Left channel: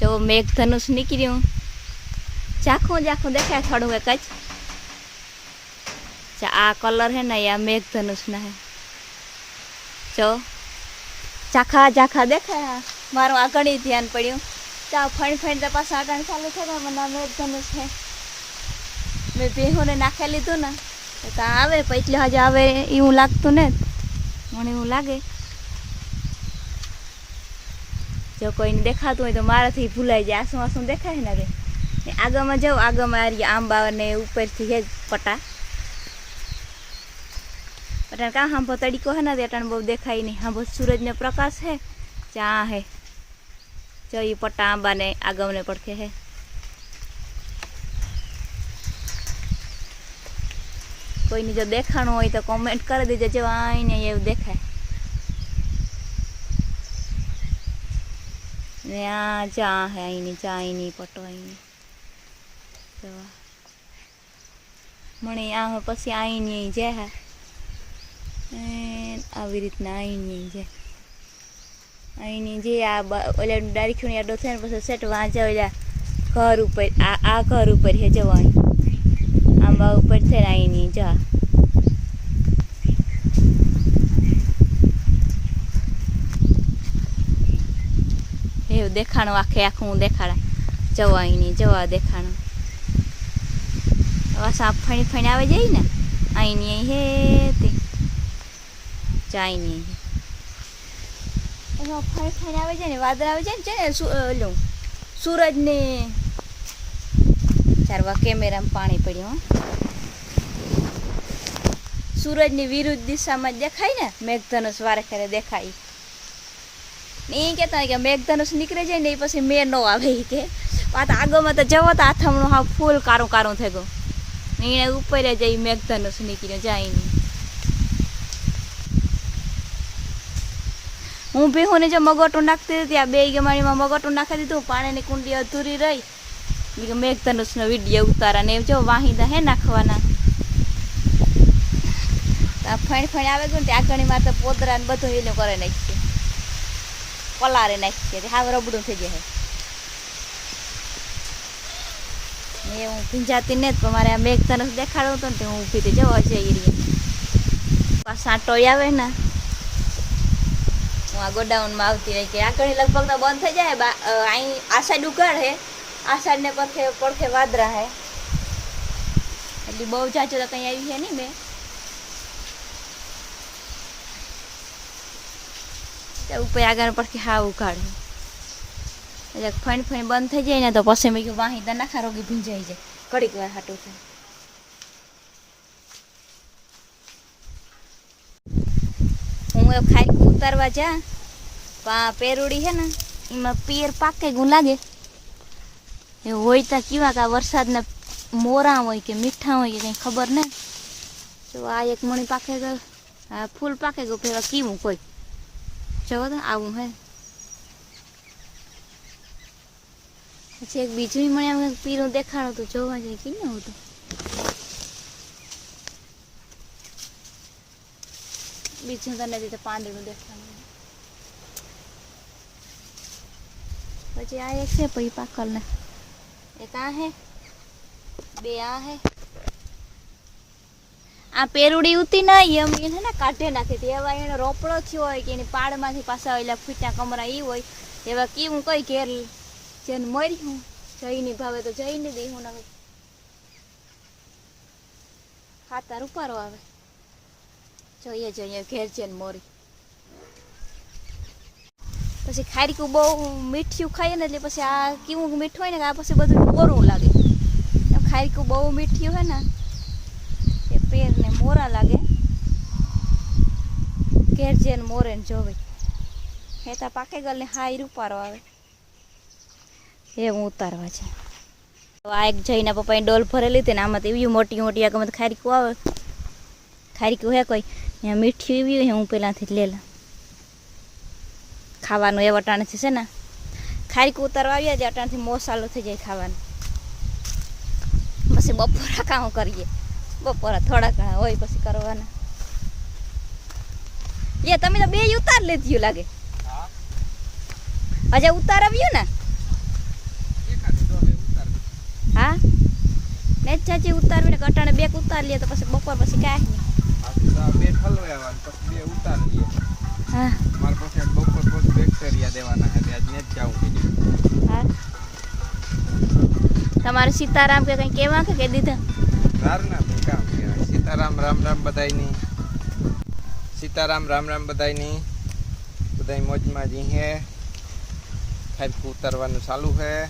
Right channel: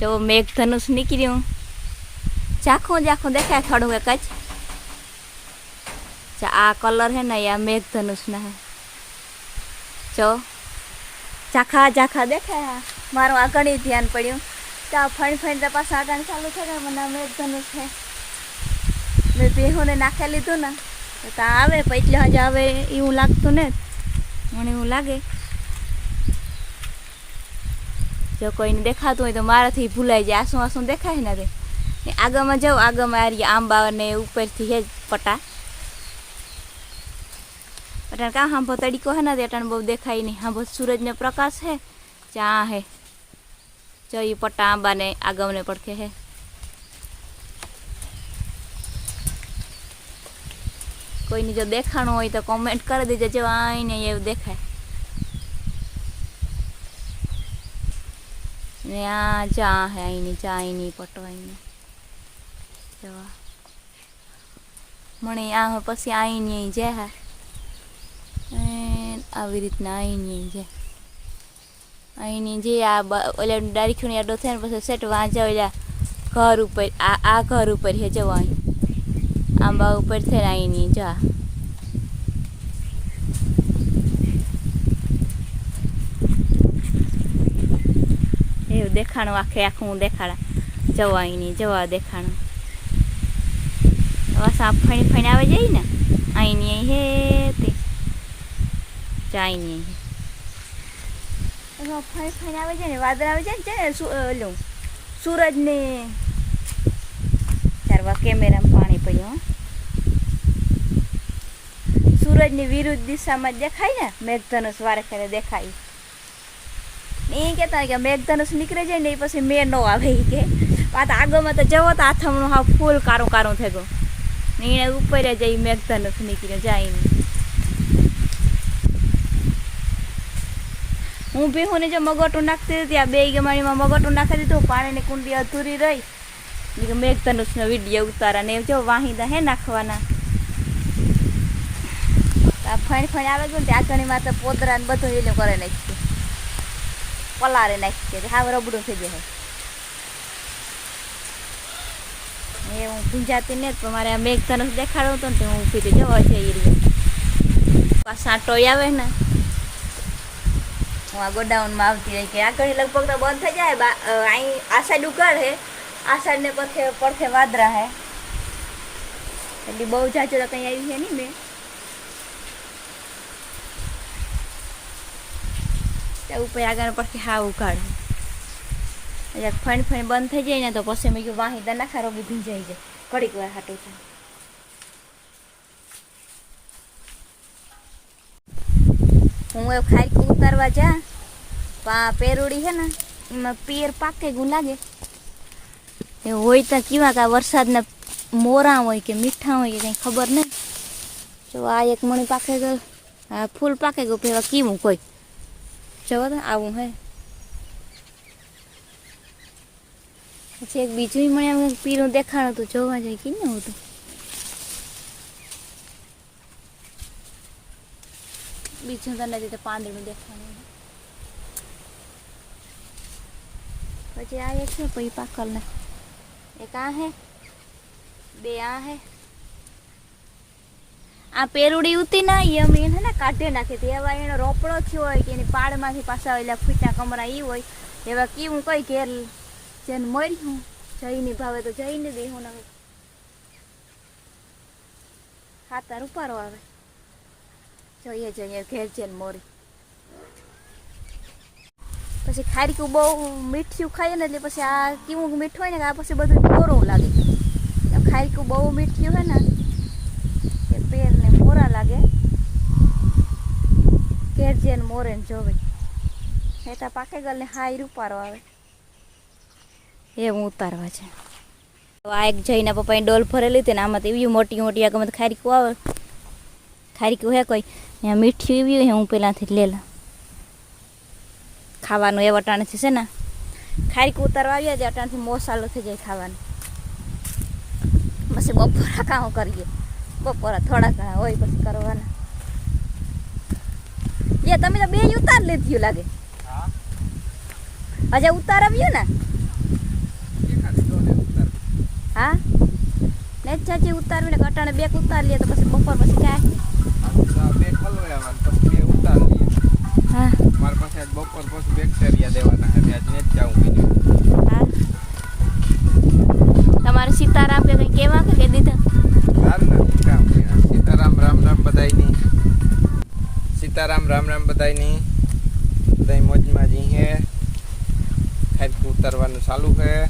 જો મેઘ ધનુષ નીકળ્યું ઝાખું ઝાખું દેખાય થોડું એક જ. આ કલર હે ને આ મેઘ ધનુષના હે. જો. ઝાખા ઝાખા દેખાય. મારું આગળ ધ્યાન પડ્યું. ચા ફણ ફણ તો પાછા આગળ ચાલુ થાય મને આ મેઘ ધનુષ છે મેં બેહોને નાખી લીધું ને, તો આવે એટલે હજુ આવે એવું લાગતું ને, મને એવું લાગે. જો કોઈને દેખાતું હોય તો મારાથી ભૂલાઈ જાય. આસું આસું દેખાય ને તે ને આગળમાં જાઉં, આગળમાં આ રહ્યા આંબા ને ઉપરથી હે જ પટા. અટાણ કાં હાંભો તડીકો હે ને તે અટાણ બહુ દેખાય નહીં. હાંભો સૂરજનો પ્રકાશ હે ચા હે. જો એ પટ્ટા આંબાને આગમને પડખે હે. કોઈને જો દેખાણું હોય તો કોમેન્ટ કરી દેજો. જો આઈને એવું દેખાય. ને આ ચા હે અહીંની ચા અહીંની પટો અહીંની જવા. મને આ પછી અહીંની અહીં જાય હા. આવી રીતના અહીંની અહીં જાય અહીંની જે, આ ઓલા ડારીખુની આડો થાય ને પછી સેટ વાંચા ઓલા ઘર ઉપર, આ આ ઘર ઉપર હે જવા અહીં આંબા ઉપર થઈને અહીંની જા. એવું દેખાણું આખે આખું દેખાડા. જવા અહીંની, જવા દેખાણું. સાપ ફણી ફણી આવે જાય ને? અહીંની, અહીં હે, તે. ચાઈની અહીં ફણી ફણી આવે છે ને, વાદળ આવે છે ને ઓલું સૂરજને. ચારવા કેમેરામાં પાણી પડ્યું સૂરજની વિરુદ્ધ દિશામાં દેખાય ને, મેઘધનુષ વારે ખરે દેખાય. ને એ કહેતા કે મેઘધનુષ નીકળે જાય ને એ પછી મેં ન આવે એ કે. પાછા આગળમાં તો જવો તો આથમણું હા ફૂલ કારું કારું થઈ ગયું. ને એને ઉપર જ એ મેઘધનુષ નીકળ્યો જાય હું ભીહુને જો મગોટું નાખતી હતી, આ બે ગમાણીમાં મગોટું નાખી દીધું, પાણીની કુંડી અધૂરી રહી. મેઘધનુષનો વીડિયો ઉતારા ને જો વાહિંદા હે નાખવાના. ફણ ફણ આવે ગયું ને ઘણીમાં તો પોદરા ને બધું એ કરે નાખીએ પલારે નાખીએ હાવ રબડું થઈ જાય એ હું ભીંજાતી ને તો મારે આ મેઘ તરફ દેખાડો હતો ને હું ઊભી થઈ જવા રહી પાછા ટોય આવે ને હું આ ગોડાઉનમાં આવતી રહી કે આગળ લગભગ તો બંધ થઈ જાય અહીં આ સાઈડ ઉઘાડ હે આ સાઈડ ને પડખે પડખે વાદરા હે એટલે બહુ જાજો તો કંઈ આવી છે નહીં મેં ઉપર આગળ પરથી હા હે એટલે ફણ ફણ બંધ થઈ જાય ને તો પછી મેં કીધું, વાહી દનાખા રોગી ભીંજાઈ જાય. ઘડીક વાર હાટું થાય. હું એ ખાઈ ઉતારવા જા. પા પેરુડી છે ને, એમાં પેર પાકે ગું લાગે. એ હોય તો કેવા કે વરસાદના મોરા હોય કે મીઠા હોય કે કંઈ ખબર નહીં. જો આ એક મણી પાકે ગયો, આ ફૂલ પાકે ગયું પેલા કીવું કોઈ. જવો તો આવું હે. પછી એક બીજું મને એમ પીરું દેખાડો તો જોવા જાય, કે ને હું તો બીજું તો નથી તો પાંદડું દેખાડું પછી આ એક છે, પછી પાકલ ને એક આ હે, બે આ હે. આ પેરુડી ઉતી ના એમ એને ને કાઢે નાખી હતી. એવા એનો રોપડો થયો હોય કે એની પાડમાંથી પાછા એટલે ફૂટા કમરા એ હોય. એવા કેવું કઈ ઘેર જેને મરી હું, જઈને ભાવે તો જઈને દઈ હું ને ખાતર ઉપારો આવે જોઈએ જોઈએ, ઘેર જઈને મોરી. પછી ખારીકું બહુ મીઠું ખાઈએ ને એટલે પછી આ કેવું મીઠું હોય ને આ પછી બધું કોરું લાગે. એમ ખારીકું બહુ મીઠું હોય ને પેરને મોરા લાગે. ઘેર જઈને મોરે જોવે. હેતા પાકે ગલ ને હાઈ રૂપારો આવે એવું ઉતારવા છે. આ એક જઈને પપ્પાએ ડોલ ભરેલી હતી ને આમાં તો એવી મોટી મોટી તો ખારીકું આવે. ખારીકું હે કોઈ? ત્યાં મીઠી એવી હોય હું પહેલાંથી લેલા ખાવાનું એ વટાણેથી છે ને. ખારીકું ઉતારવા આવ્યા છે અટાણથી મોસાલો થઈ જાય ખાવાનું. પછી બપોરા કામ કરીએ. બપોરા થોડા ઘણા હોય પછી કરવાના. લે તમે તો બે ઉતાર લીધ્યું લાગે. હજે ઉતાર આવ્યું ને? હા? ને ચાચી ઉતારવી ને કટાણે બેક ઉતાર લે તો પછી બપોર પછી કાંઈ મારા પાસે આજ બપોર પછી બેક્ટેરિયા દેવાના છે આજ ને જ જાઉં કીધું હા. તમારે સીતારામ કે કંઈ કહેવા કે દીધા? સારું ને? સીતારામ, રામ રામ બધાયની. સીતારામ, રામ રામ બધાયની. બધાય મોજમાં જી હે. ખાઈકું ઉતારવાનું ચાલુ છે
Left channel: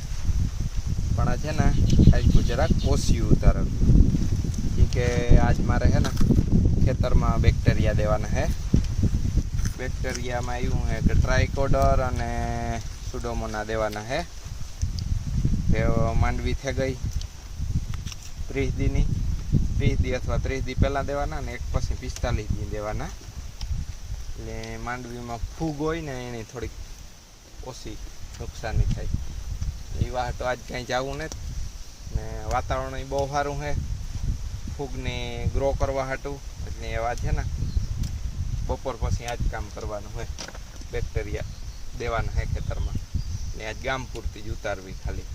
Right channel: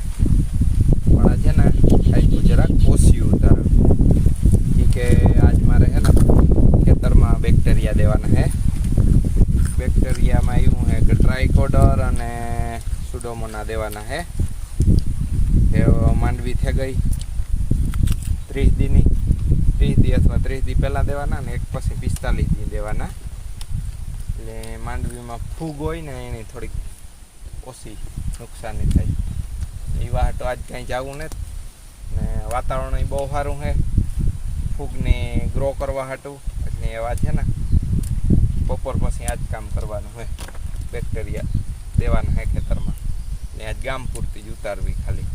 પણ છે ને ખાઈકું જરાક ઓછ્યું ઉતાર કે આજ મારે છે ને ખેતરમાં બેક્ટેરિયા દેવાના હે. બેક્ટેરિયામાં એવું છે કે ટ્રાયકોડર અને સુડોમોના દેવાના હે. માંડવી થઈ ગઈ. ત્રીસ દીની, ત્રીસ દી અથવા ત્રીસ દી પહેલાં દેવાના ને એક પછી પિસ્તાલીસ દી દેવાના. એટલે માંડવીમાં ફૂગ હોય ને એની થોડીક ઓછી નુકસાની થાય. એ વાહટો આજ કાંઈ જવું નથી ને વાતાવરણ બહુ સારું છે. ફૂગને ગ્રો કરવા હાટું, એટલે એવા છે ને. બપોર પછી આ જ કામ કરવાનું હોય બેક્ટેરિયા દેવાના હે ખેતરમાં. એટલે આજ ગામ પૂરતી જ ઉતારવી ખાલી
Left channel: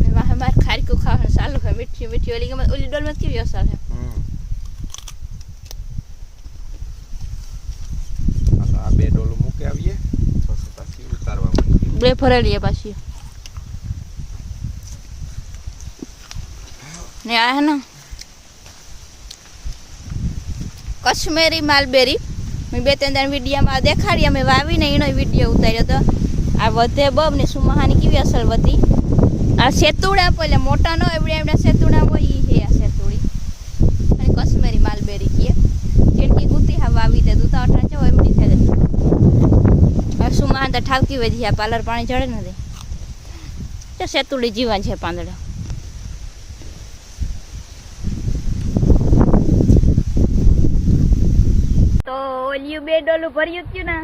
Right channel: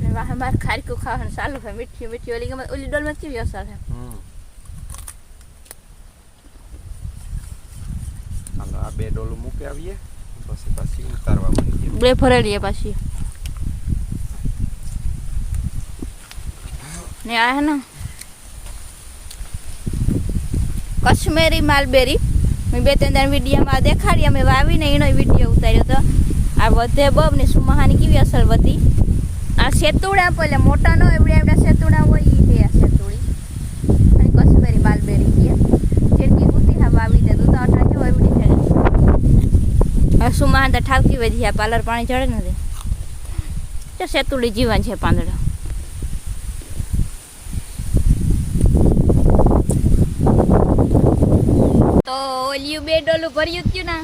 ને ખારીકું ખાવાનું ચાલુ છે મીઠી મીઠી ઓલી ગમે ઓલી ડોલમાં કેવી અસર છે આ બે ડોલું મૂકી આવીએ પછી પછી ઉતારવા માંડીએ બે ભરેલી પાછી ને આ હે ને કશ્મીરી માલબેરી મેં બે ત્રણ દાણ વિડીયોમાં દેખાડી અમે વાવીને એનો વીડિયો ઉતાર્યો હતો આ વધે બબ ને સુમહાની કેવી અસર વધી આ સેતુડા પેલા મોટા નો એવડા એવડા સેતુડા હોય એ છે આ સેતુડી. અને કશ્મીરી માલબેરી કે જેણકી ગુતી હા વાવી દે દૂધ અઠા છે એવડી થઈ હવે સુમહાન તો ઠાવકી વધી આ પાર્લર પાણી ચડે નથી. તો સેતુડી જીવન છે પાંદડા. તો ઓલિયું બે ડોલું ભર્યું થયું ને.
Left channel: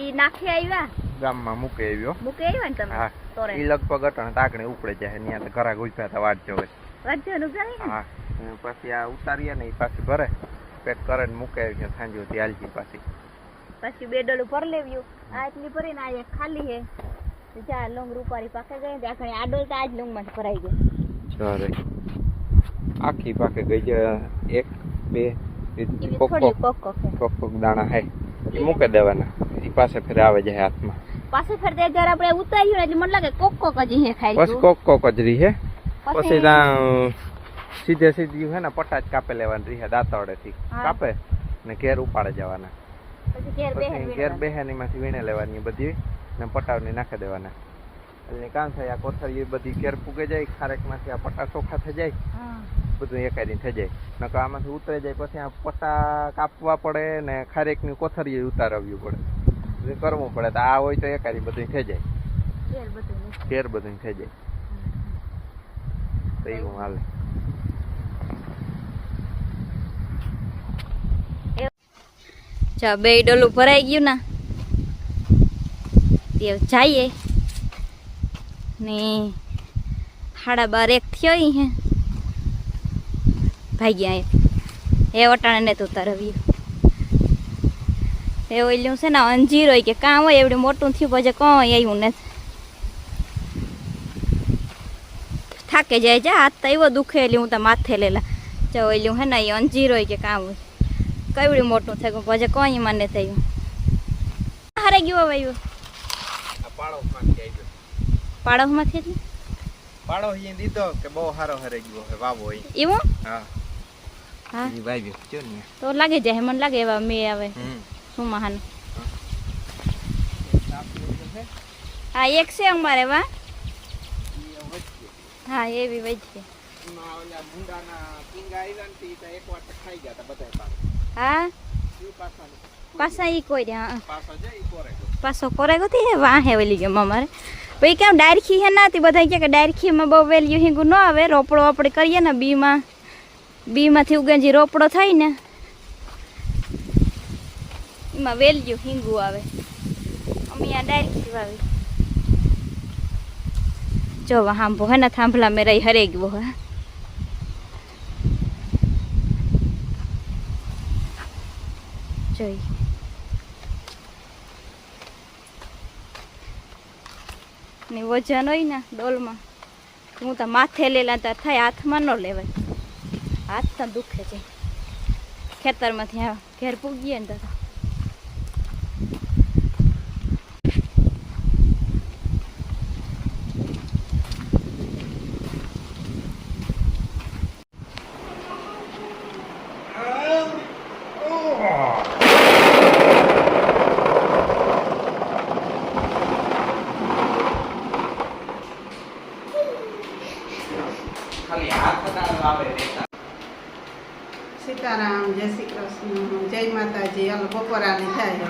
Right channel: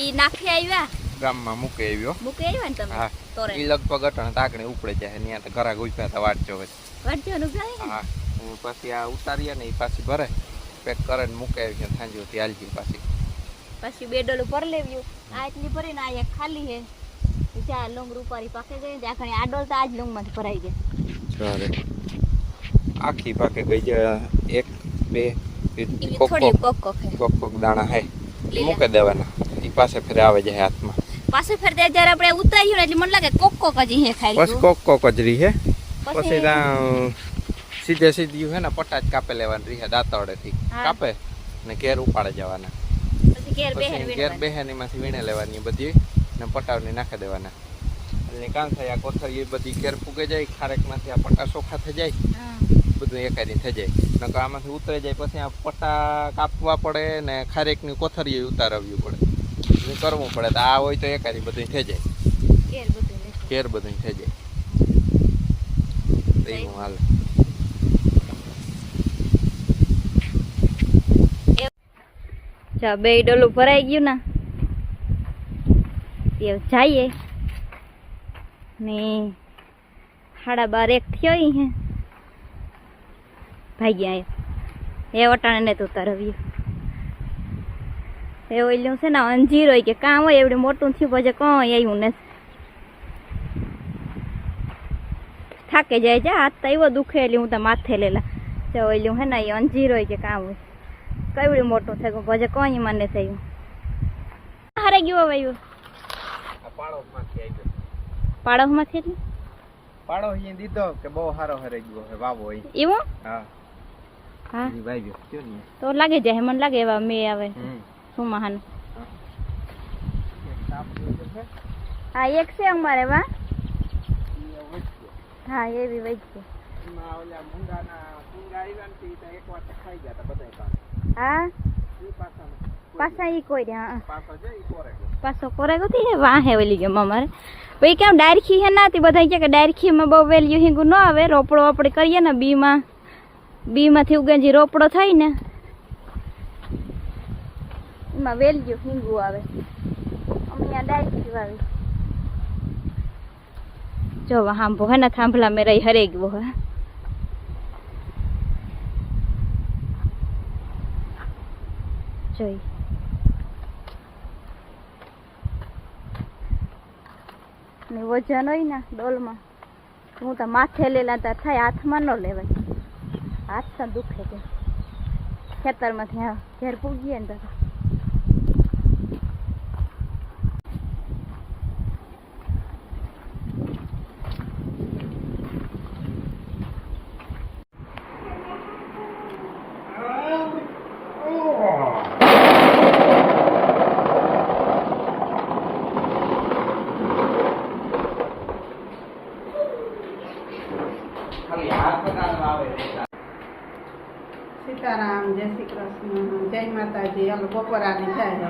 એ નાખી આવ્યા. ગામમાં મૂકી આવ્યો. મૂકી આવ્યો ને તમે? હા. તોરે. ઈ લગભગ અટણ તાકણે ઉપડે જાય ત્યાં ઘરા ગુફ્યા હતા વાટ જોવે વાંચો નુકસાન હા પછી આ ઉતારીએ ને એ પાછી ભરે. પેક કરે ને મૂકે આવી સાંજે હાલજી પાછી. પછી બે ડોલું ભર લેવ્યું આ એટલી ભરીને આ એક ખાલી હે. બીજા લોંગ રૂપારી પાકે ગઈ ત્યાં ઘણી આ ડોલ તો આજ લોંગમાં જ ભરાઈ ગઈ ચાલે આખી પાકે ગઈ છે. એક બે કોક કોક કોક કોક દાણા હે. મૂકે મૂકી દેવાના. એ પાસે ફેર આવે જાય હાથમાં. પાછું ફેર તે જ્યારે આપણે ઉતાર્યું ને એટલે મને લાગે કોક કોક જ હે ખાઈ બસ કોક કોક જ રહી હે. પછી ત્યાં સીધે સીધી હે ને પટાજ કાપે લેવાની રહી હે દાંતરડેથી હા. કાપે? ને ઘેર ઉપાડે જવાના. પછી ઘેર બેહે પછી ઘેર બેહે ને એમાંથી વીણે લેવાની બધી ને પટાવની નાખી દેવાના. એટલે કામ થાય આ કોથળી બધી ઘેર પૂગે જાય ખારેકમાંથી આ પટા ચોખા થઈ જાય બધું એકાદી થઈ જાય. નકર આમાંથી ઉતરી જાય પછી આ પટ્ટા કાપવા પડે ને ખારેકની કોથળી ઉતારવી પડે. બધું કરવું પડે તો આ હોય તો એકાદી બધું થઈ જાય. ઘેર બધું થઈ જાય. તો એવું હાલે. ચા બે ડોલું ભરાઈ ગયું ના તે જઈએ. ને સાડા બાર એક થયો હે. ભાગ્યા એ. એ વટાણે ને તો ઉતારવ્યું એ ઓલ્યું છે ને અંજીર હોય કે કાં હોય એવડું મોટું થયું પછી કંઈ આવ્યું નથી. થાકે જાય જા હાથ તો એવો દુખે એટલે હું તો માથે લેલા. જો ઓલ્યું હે ને એ અંજીર હોય કે કાં હોય. કેવડું મોટું થઈ ગયું પછી કોઈ મને થયું? હારે ગયું હવે આવ્યું પાડોશમાંથી એટલે? પાડો અહીં દીધો કે બહુ સારો હરે ગયો હે વાવો અહીં એવું? હા. હા. ને. તો લાગે જાય મને લાગે એવા મેં આવે. શું મહાન હા, એક છે અમારે, વા. હા, એવી વજ છે. એમાં ઓલા ભૂંડાના પીંગા આવ્યા ને તે ઈ તો એક વાર તો ખાઈ ગયા તા બધાય પાછા. હા પાસા ઈ કોઈ હા. પાછા કોરે ગોતી હે? વાહ ઓલી ગયો અમારે. પછી કેમ ડાયરખી હે ના તે બધા કે ડાયરખીમાં બહુ વેલ્યુ હિંગું ન આવે. રોપડો આપણે કરીએ ને, બીમાં. બીમાંથી ઉગેજી રોપડો થાય ને એમાં વેલ્યુ હિંગુ આવે. અમે આ ડાયરેક્ટ વાવી જો હાંભો, હે ને, થાંભલા મેં રહી હરે ગયો હે. જોઈ. ને વજન હોય ને, ડોલમાં. હું તો માથે લેલા તો થાય, હાથમાં ન લેવાય. હાથ તો દુખે છે. ખેતરમાંથી ઘેર પૂગીએ ને તો ખાલી હાથ અડાડવા આવે રેતા સીતારામ જય શ્રી કૃષ્ણ માતાજી હાલો બપોરાની થાય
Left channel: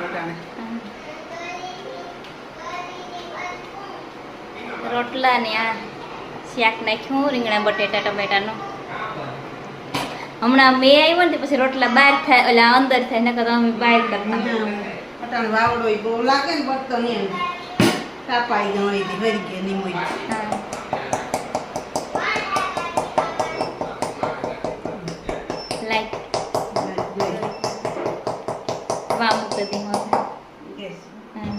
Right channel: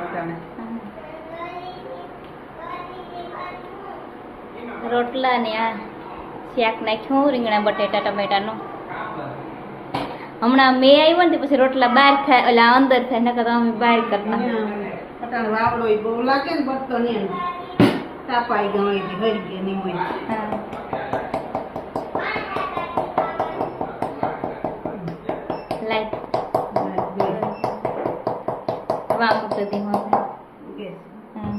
હવે રોટલા ને આ શાક નાખ્યું રીંગણા બટેટા ટમેટાનું. હમણાં મેં આવ્યો ને પછી રોટલા બહાર થાય ઓલા અંદર થાય નકર અમે બહાર કરતા. અહીંયા વાવડો બહુ લાગે ને બટતો નહીં કાપાઈ ગયો ભરી ગઈ નીમોઈ વામ મૂકી દી હવે હા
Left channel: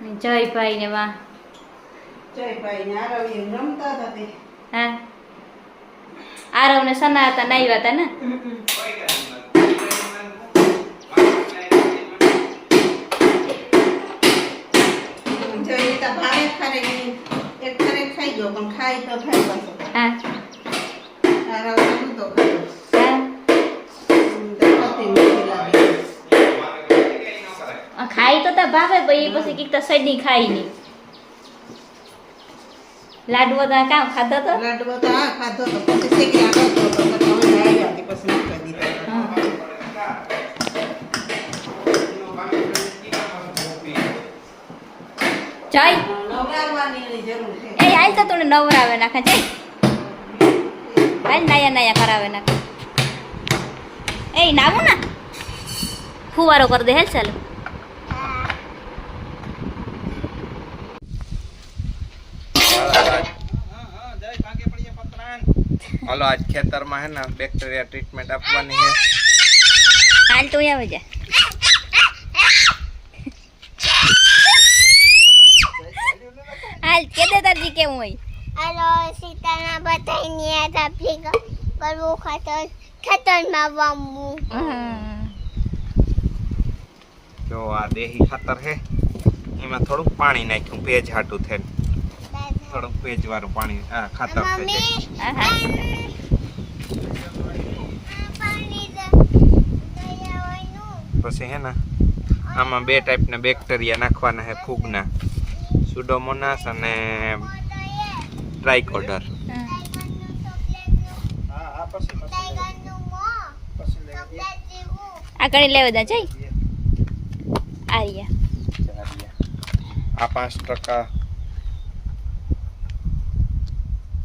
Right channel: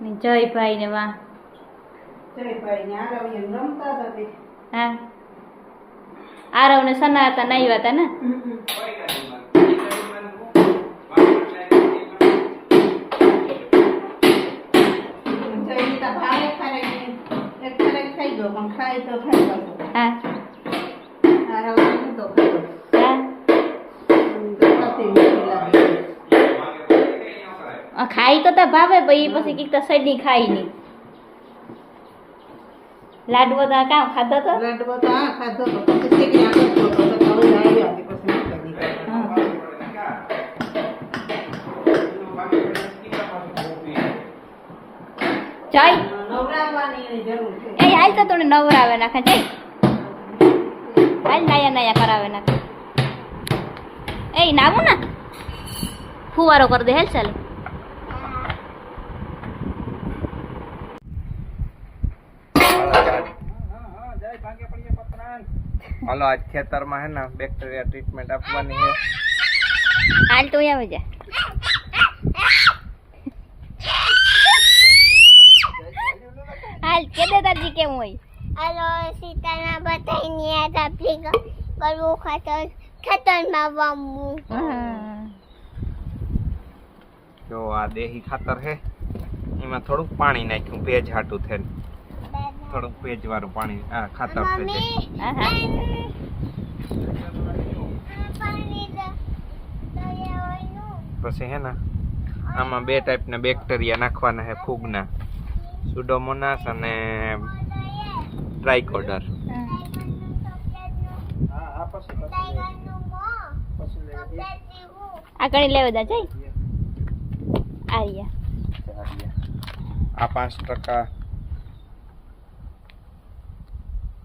ને જયભાઈ ને વાહ જયભાઈ ને આરવી એમ રમતા હતા તે હા આરવ ને સના હતા નાઈ હતા ને જયતા ભાવે ખારે એક ખારે ખાઈ ગયો પણ ખાઈ તો ખાઈ પાછો હા ખાઈ તો તા ભાવે ભાઈ પછી કીક તો સડી ખાઈ નહીં લાડવો તો કામ ખાધો તો? લાડવો તો આ ખાધો તો પછી શેકી આગળ તો તો હવે આવી હતી પછી મૂકી દીધા. જય એ હાલ તો તને નવરાવે નાખે જય હાલ નાયા નાયા કરાવે નાખે. એ નાવું ને ફુવારો કરી દે હેલ ચાલો. હાલો આજ. હાલો આજ ખેતરમાં હે ને બેક્ટેરિયા ટ્રીટમેન્ટ આપવાની છે હાલ તો આવે જા હાલ કે દે તારજી કેવું હોય? હાલો સીતાના બધાની યાદ આપી કરવું ખાતર ખેતરમાં વાવવું જો આ દેહી ખાતર હે એમાં થોડુંક પાણી નાખ્યું ભેજ હાટું થઈને. થોડુંક ભેજ વાળું પાણી આ ખાતર થઈ જાય. પછી હે ને આમાં બે ટાઈપના બેક્ટેરિયા નાખવાના છે ફૂગના. સુડોમોનાસ અને ટ્રાઇકોડર આ ગણી લેવા દા જઈ આર્યા. આ પાંચ ટકા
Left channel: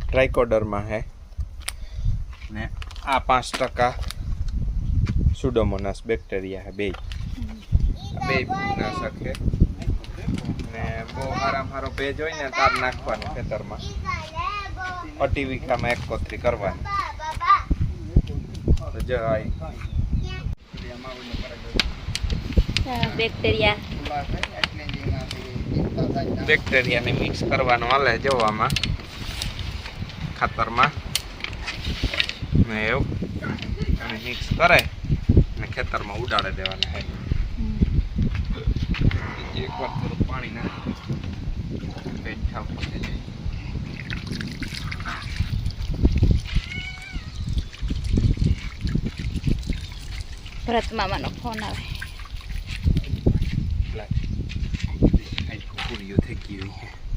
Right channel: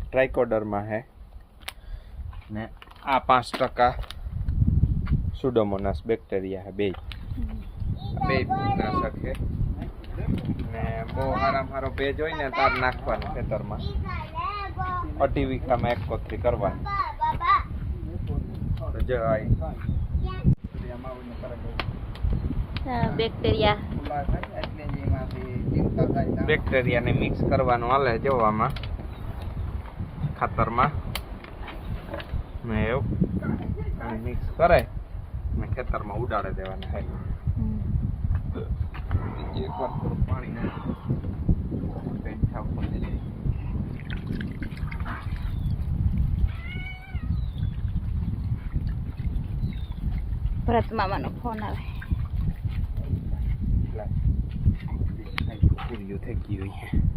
ટ્રાઇકોડરમાં હે. ને આ પાંચ ટકા સુડોમોનાસ બેક્ટેરિયા હે બે બે ફૂગનાશક છે ને બહુ હારામાં હારો ભેજ હોય ને તાર નાખવાનો ખેતરમાં. અઢી વીઘામાં એક કોથરી કરવાની તો બેક્ટેરિયા બેક્ટેરિયાને મિક્સ કરવાનું હાલે જો આમાં ખાતરમાં ને એવું મિક્સ કરે ને ખેતરમાં ઉડાડે દેવાના હે. એકવાર થોડું પાણી નાખી બેઠા ઉપર ભરત મામાનો ફોન આવે. પૂરીઓ થઈ ગઈ હોય